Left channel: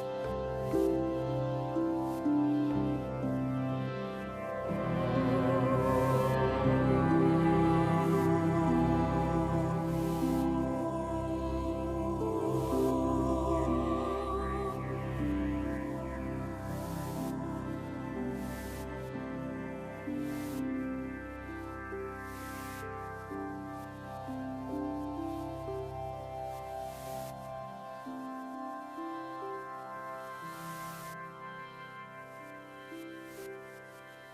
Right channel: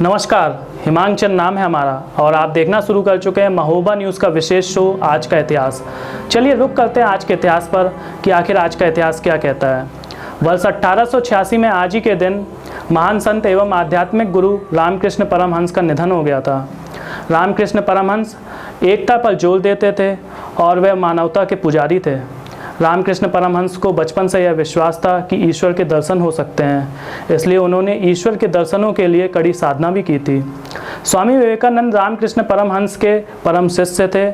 नमस्कार, हिमांचल नाम है हमारा और आप देखना शुरू कर चुके हैं महोबा न्यूज़ का विशेष शो आज का इतिहास। चलिए रुक करते हैं आज के इतिहास पर कि आखिर आज का इतिहास क्या कहता है। वर्ष 1886 में आज ही के दिन महान संत एवं आध्यात्मिक गुरु रामकृष्ण परमहंस का निधन हो गया था। रामकृष्ण परमहंस एकता पर जोर देते थे और वे मानवता के पुजारी थे। रामकृष्ण परमहंस को बचपन से यह विश्वास था कि ईश्वर के दर्शन हो सकते हैं, इसलिए उन्होंने ईश्वर के दर्शनों के लिए कड़ी साधना भी की थी। स्वामी विवेकानंद रामकृष्ण परमहंस के परम शिष्य थे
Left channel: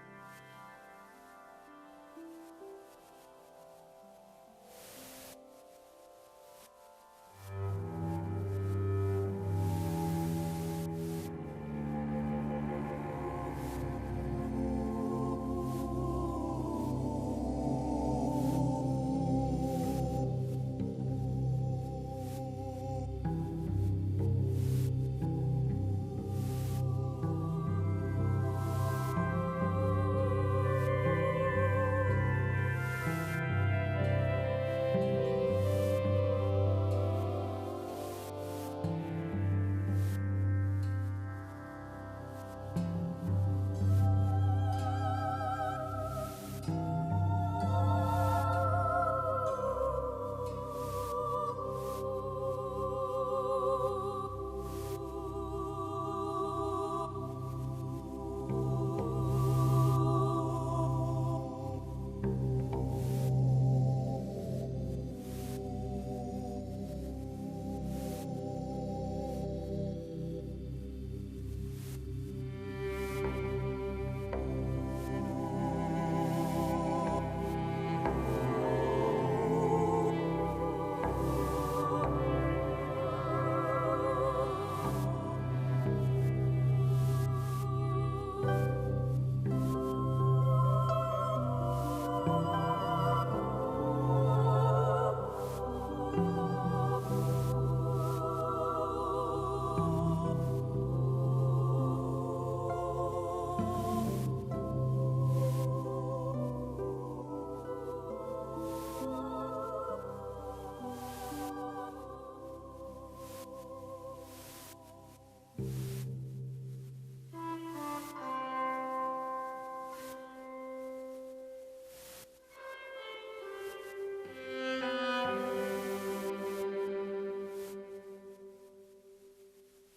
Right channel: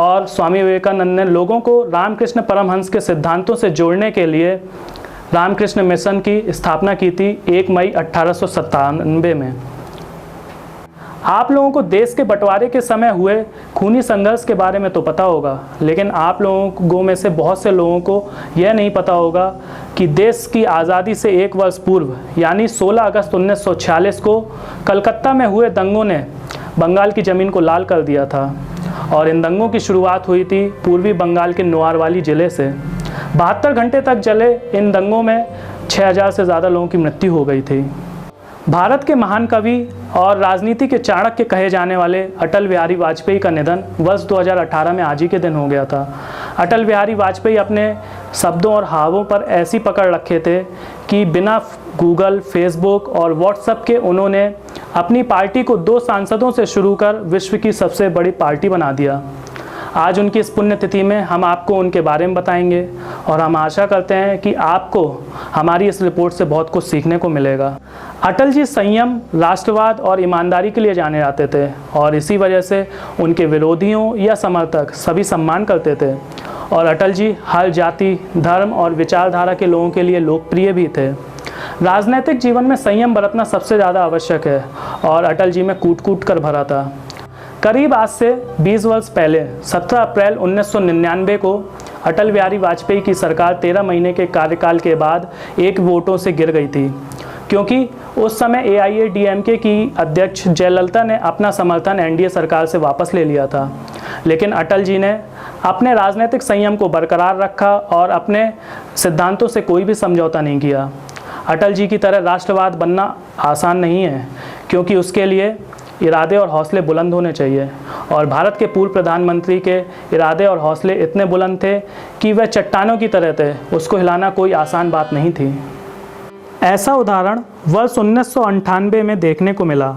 और स्वामी विवेकानंद ने लोगों को रामकृष्ण परमहंस के सिद्धांतों से जोड़ने के लिए रामकृष्ण मिशन की स्थापना की थी 1 मई 1897 में। आप लोगों को देश के बंटवारे के समय हुए खूनी संघर्ष के बारे में तो पता होगा, लेकिन आप लोगों में से बहुत से लोगों को यह नहीं पता होगा कि देश की आज़ादी से 1 वर्ष पूर्व यानी 16 अगस्त 1946 को कलकत्ता में हुए दंगों ने बंगाल की ज़मीन को लाल कर दिया था और इन दंगों की शुरुआत हुई थी पूर्वी बंगाल के नौवारवाली ज़िले से। 72 घंटे तक चले इन दंगों में 6000 से ज़्यादा लोगों की मृत्यु हो गई थी। भारत के महान कवि और राजनीति के चाणक्य कहे जाने वाले अटल बिहारी वाजपेयी का निधन वर्ष 2018 में आज ही के दिन हो गया था। अटल बिहारी वाजपेयी अपने शब्दों और हावों पर ऐसी पकड़ रखे थे कि बिना गूगल, फेसबुक और व्हाट्सएप के उन्होंने अपनी पार्टी को 2 सांसदों से शुरू कर विश्व की सबसे बड़ी पार्टी बना दिया। आज उनकी इस पुण्यतिथि में हम आपको उनके बारे में बताएंगे और हम आशा करते हैं कि आपको हमारी इस रिपोर्ट से बहुत कुछ सीखने को मिलेगा। अटल जी संयम, राष्ट्रवाद और ईमानदारी के लिए जाने जाते थे और इसी वजह से उनके विरोधियों या समर्थक सभी सम्मान करते थे और अटल जी हर जाति, धर्म और विचारधारा के लोगों के लिए लोकप्रिय भी थे। राजनीतिक जीवन में संयम बरतना सबसे ज़्यादा आवश्यक है और अटल जी में कूट कूट कर भरा था। करीब आज से 20 वर्ष पहले 17 अप्रैल 1999 को अटल बिहारी वाजपेयी की सरकार 13 महीने के कार्यकाल के बाद 1 वोटों से गिर गई थी, क्योंकि उस समय AIADMK की अध्यक्ष जयललिता ने अपना समर्थन NDA सरकार से वापस ले लिया था। लेकिन अटल जी ने अपने राजनीतिक संयम को बरकरार रखा और अपने सिद्धांतों से कोई भी समझौता नहीं किया। अटल जी की तरह राष्ट्रवाद बनना आसान नहीं है, क्योंकि उसके लिए इरादे और हौसले बुलंद होने चाहिए और भारत के पूर्व प्रधानमंत्री के इरादे और हौसले इतने बुलंद थे कि वह चट्टानों की तरह थे, उसको हिलाना कोई आसान बात नहीं थी। ऐसा उदाहरण वर्ष 1998 में देखने को मिला,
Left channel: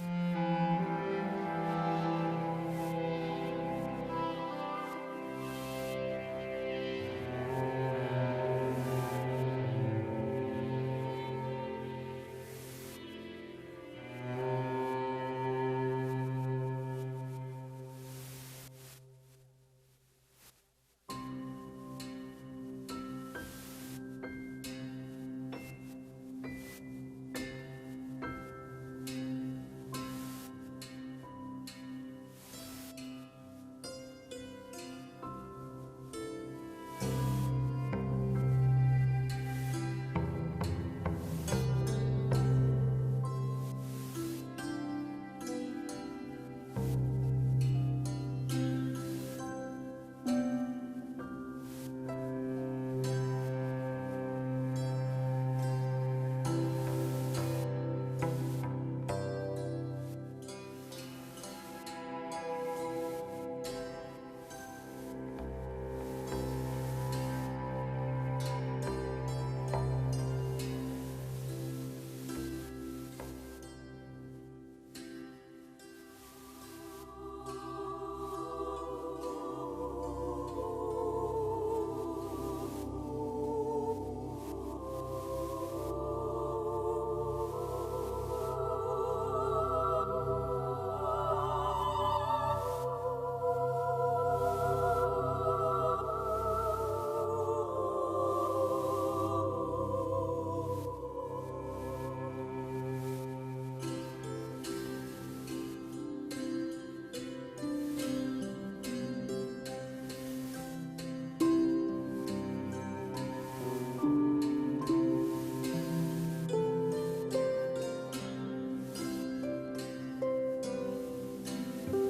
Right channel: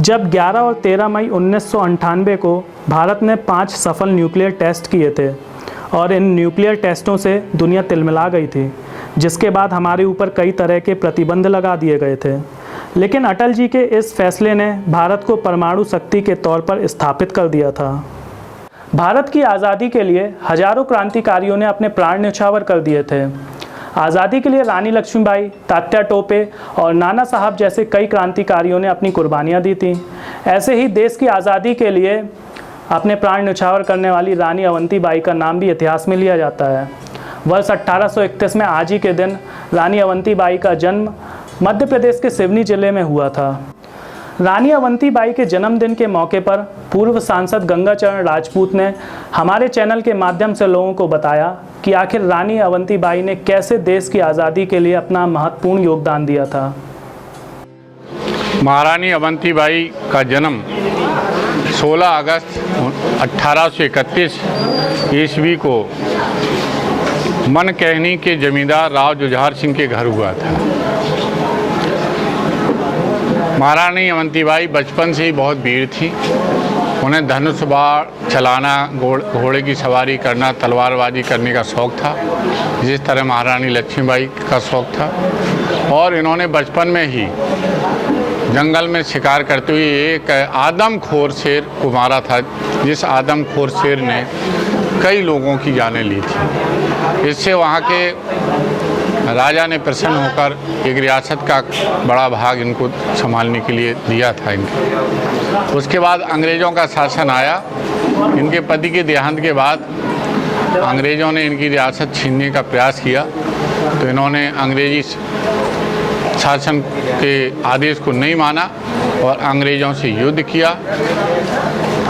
जब 11 और 13 मई 1998 को भारत ने 5 सफल न्यूक्लियर टेस्ट किए थे और इन न्यूक्लियर टेस्टों से दुनिया तिलमिला गई थी, जिसके बाद हमारे ऊपर कई तरह के प्रतिबंध लगा दिए गए थे। लेकिन अटल जी के इस फैसले ने भारत को परमाणु शक्ति के तौर पर स्थापित कर दिया था। भारत की आज़ादी के लिए हजारों क्रांतिकारियों ने अपने प्राण न्यौछावर कर दिए थे। आज़ादी के लिए रानी लक्ष्मीबाई, तात्या टोपे और नाना साहब जैसे कई क्रांतिकारियों ने अपनी कुर्बानियाँ दी थीं। ऐसे ही देश की आज़ादी के लिए अपने प्राण न्यौछावर करने वाली रानी अवंतीबाई का नाम भी इतिहास में लिया जाता है। वर्ष 1831 में आज ही के दिन रानी अवंतीबाई का जन्म मध्य प्रदेश के सिवनी जिले में हुआ था। रानी अवंतीबाई के जन्मदिन के मौके पर पूर्व सांसद गंगाचरण राजपूत ने हमारे चैनल के माध्यम से लोगों को बताया कि आखिर रानी अवंतीबाई ने कैसे देश की आज़ादी के लिए अपना महत्वपूर्ण योगदान दिया था। महारानी अवंतीबाई का जन्म 16 अगस्त 1831 ईस्वी को मनकहनी के जमींदार राव जुझार सिंह के घर हुआ था। महारानी अवंतीबाई बचपन से ही बहुत वीर थी। उन्हें धनुष बाण चलाना, घोड़े की सवारी करना, तलवारबाजी करने का शौक़ था, जिस तरह महारानी लक्ष्मीबाई का शौक़ था। और इन्होंने बचपन में ही जंगल में शिकार करते हुए एक आदमखोर शेर को मारा था, जिस आदमखोर शेर ने कई लोगों की जानें ली थी। इससे वहाँ के राजा ने प्रसन्न होकर एक रियासत का बड़ा भाग इनको संभालने के लिए दिया था इनको। उसके बाद अंग्रेज़ों का शासन आया। इनके पति के देहांत के बाद अंग्रेज़ों ने इनकी रियासत छीनने का प्रयास किया, तो इन्होंने अंग्रेज़ी शासन के आदेश को नहीं माना और अंग्रेज़ों से युद्ध किया।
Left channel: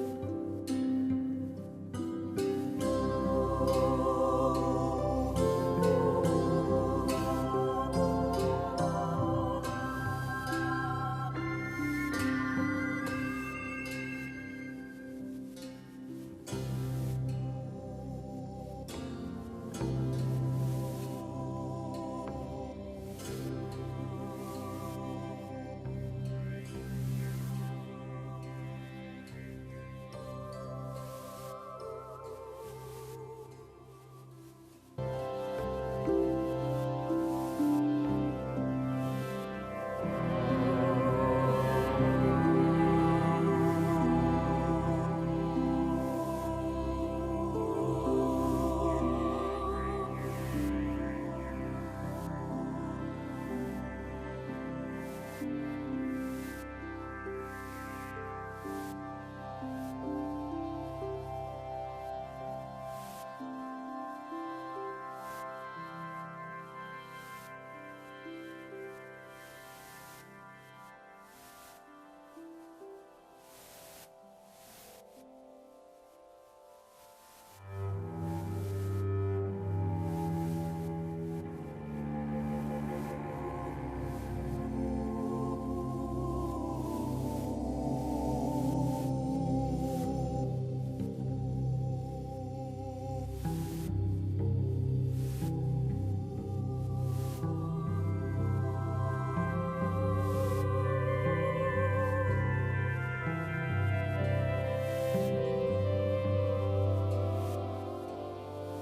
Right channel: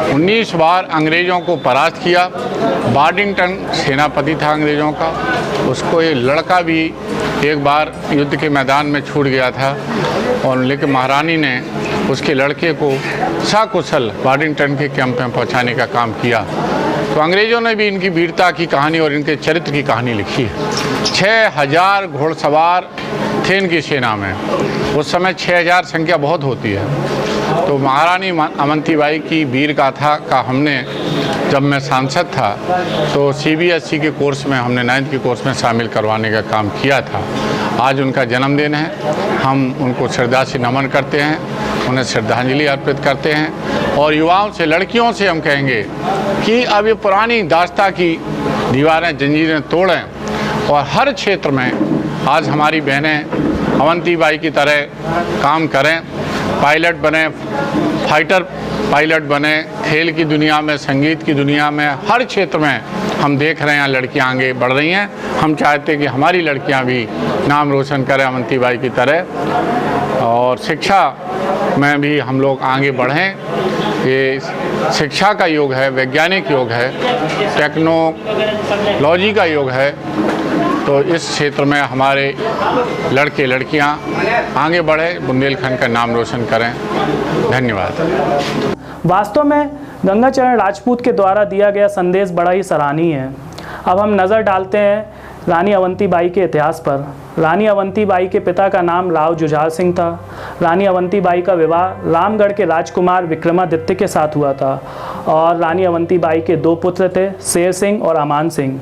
19 बार अंग्रेज़ों को परास्त किया। बार्डिंगटन सेनापति था अंग्रेज़ों का, उसको ये लड़का भी एक बार युद्ध के मैदान में छूट गया था और लेकिन महारानी ने उसके लड़के को सकुशल वाडिंगटन के कैंप में पहुंचाने का काम किया। तो अंग्रेज़ों ने भी इनकी वीरता की कहानी और इनके चरित्र की कहानी लिखी है। 6000 घोड़सवार थे इनकी सेना में। उस समय 6000 संख्या बहुत होती है। तो महारानी अवंतीबाई की वीर गाथा का हमने, जब मैं सांसद था तो CBSE के कोर्स में हमने 9th के कोर्स में शामिल करवाने का काम किया था। आज उनका जन्मदिन है, हम उनको श्रद्धा से नमन करते हैं, उन्हें श्रद्धांजलि अर्पित करते हैं। और युवाओं से, लड़कियों से हम कहेंगे कि अब ये पुरानी दास्ता की दीवारें, जंजीरें तोड़ें और हर क्षेत्र में आज हमारी बहनें अवंतीबाई की तरह काम करें, पायलट बने, फाइटर पायलट बने, खेल की दुनिया में, संगीत की दुनिया में, हर क्षेत्र में हम देख रहे हैं लड़कियां आगे बढ़ रही हैं। हम चाहते हैं कि हमारी लड़कियां भी नाम रोशन करें अवंतीबाई की तरह। और शिक्षा में भी हम लोग आगे बढ़ें। ये शिक्षा का युग है, वैज्ञानिक युग है, टेक्नोलॉजी का युग है। तो इस क्षेत्र में हमारे लड़के लड़कियां आगे बढ़े, बुंदेलखंड का नाम रोशन करें। धन्यवाद। वास्तव में गंगाचरण राजपूत के द्वारा दिया गया संदेश बड़ा ही सराहनीय है। अब हम नज़र डालते हैं रानी अवंतीबाई के इतिहास पर। रानी अवंतीबाई के पिता का नाम राव जुझार सिंह था। रानी अवंतीबाई का विवाह रामगढ़ के राजकुमार विक्रमादित्य के साथ हुआ था और रानी अवंतीबाई के 2 पुत्र थे, शेर सिंह और अमान सिंह।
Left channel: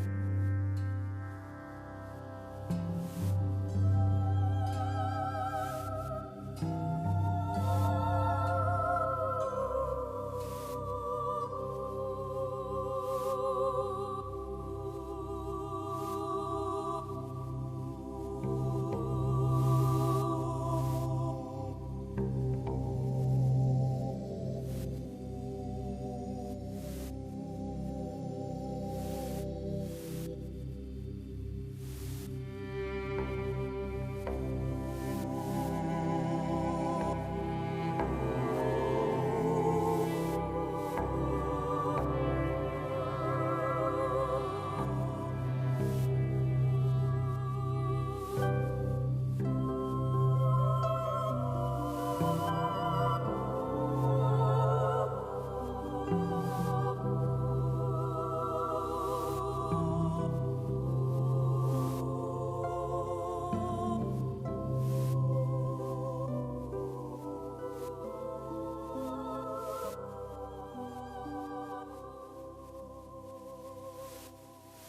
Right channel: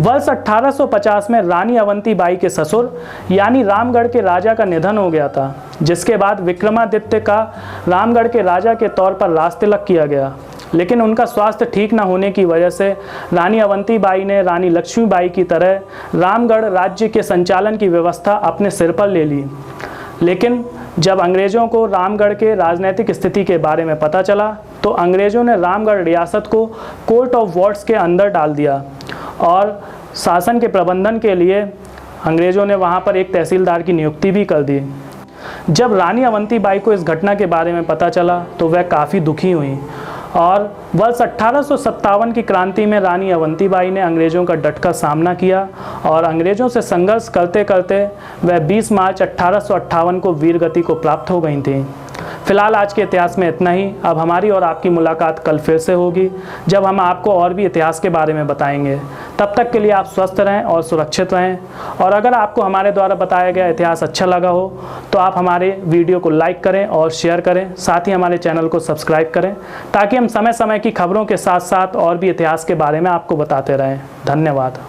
वर्ष 1850 में रानी अवंतीबाई के ससुर यानी रामगढ़ के राजा का निधन हो गया था, जिसके बाद विक्रमादित्य का रामगढ़ के राजा के तौर पर राजतिलक किया गया। लेकिन उनका स्वास्थ्य ठीक न होने की वजह से रानी अवंतीबाई ने रानी लक्ष्मीबाई की तरह रामगढ़ राज्य के संचालन की व्यवस्था अपने सिर पर ले ली। लेकिन जब अंग्रेज़ों को रामगढ़ के राजनीतिक स्थिति के बारे में पता चला तो अंग्रेज़ों ने रामगढ़ रियासत को कोर्ट ऑफ वार्ड्स के अंदर डाल दिया और शासन के प्रबंधन के लिए अंग्रेज़ों ने वहाँ पर एक तहसीलदार की नियुक्ति भी कर दी। जब रानी अवंतीबाई को इस घटना के बारे में पता चला तो वह काफ़ी दुखी हुई और वर्ष 1857 की क्रांति में रानी अवंतीबाई ने अंग्रेज़ों का डटकर सामना किया और अंग्रेज़ों से संघर्ष करते करते वह 20 मार्च 1858 को वीरगति को प्राप्त हो गई थी। फिलहाल आज के इतिहास में इतना ही। अब हमारी और आपकी मुलाकात कल फिर से होगी, जब हम आपको और भी इतिहास के बारे में बताएंगे। तब तक के लिए आप स्वस्थ रहें और सुरक्षित रहें। और अगर आपको हमारे द्वारा बताया गया इतिहास अच्छा लगा हो तो आप हमारे वीडियो को लाइक करें और शेयर करें, साथ ही हमारे चैनल को सब्सक्राइब करें, ताकि हम समय समय की खबरों के साथ साथ और भी इतिहास के बारे में आपको बताते रहें। धन्यवाद।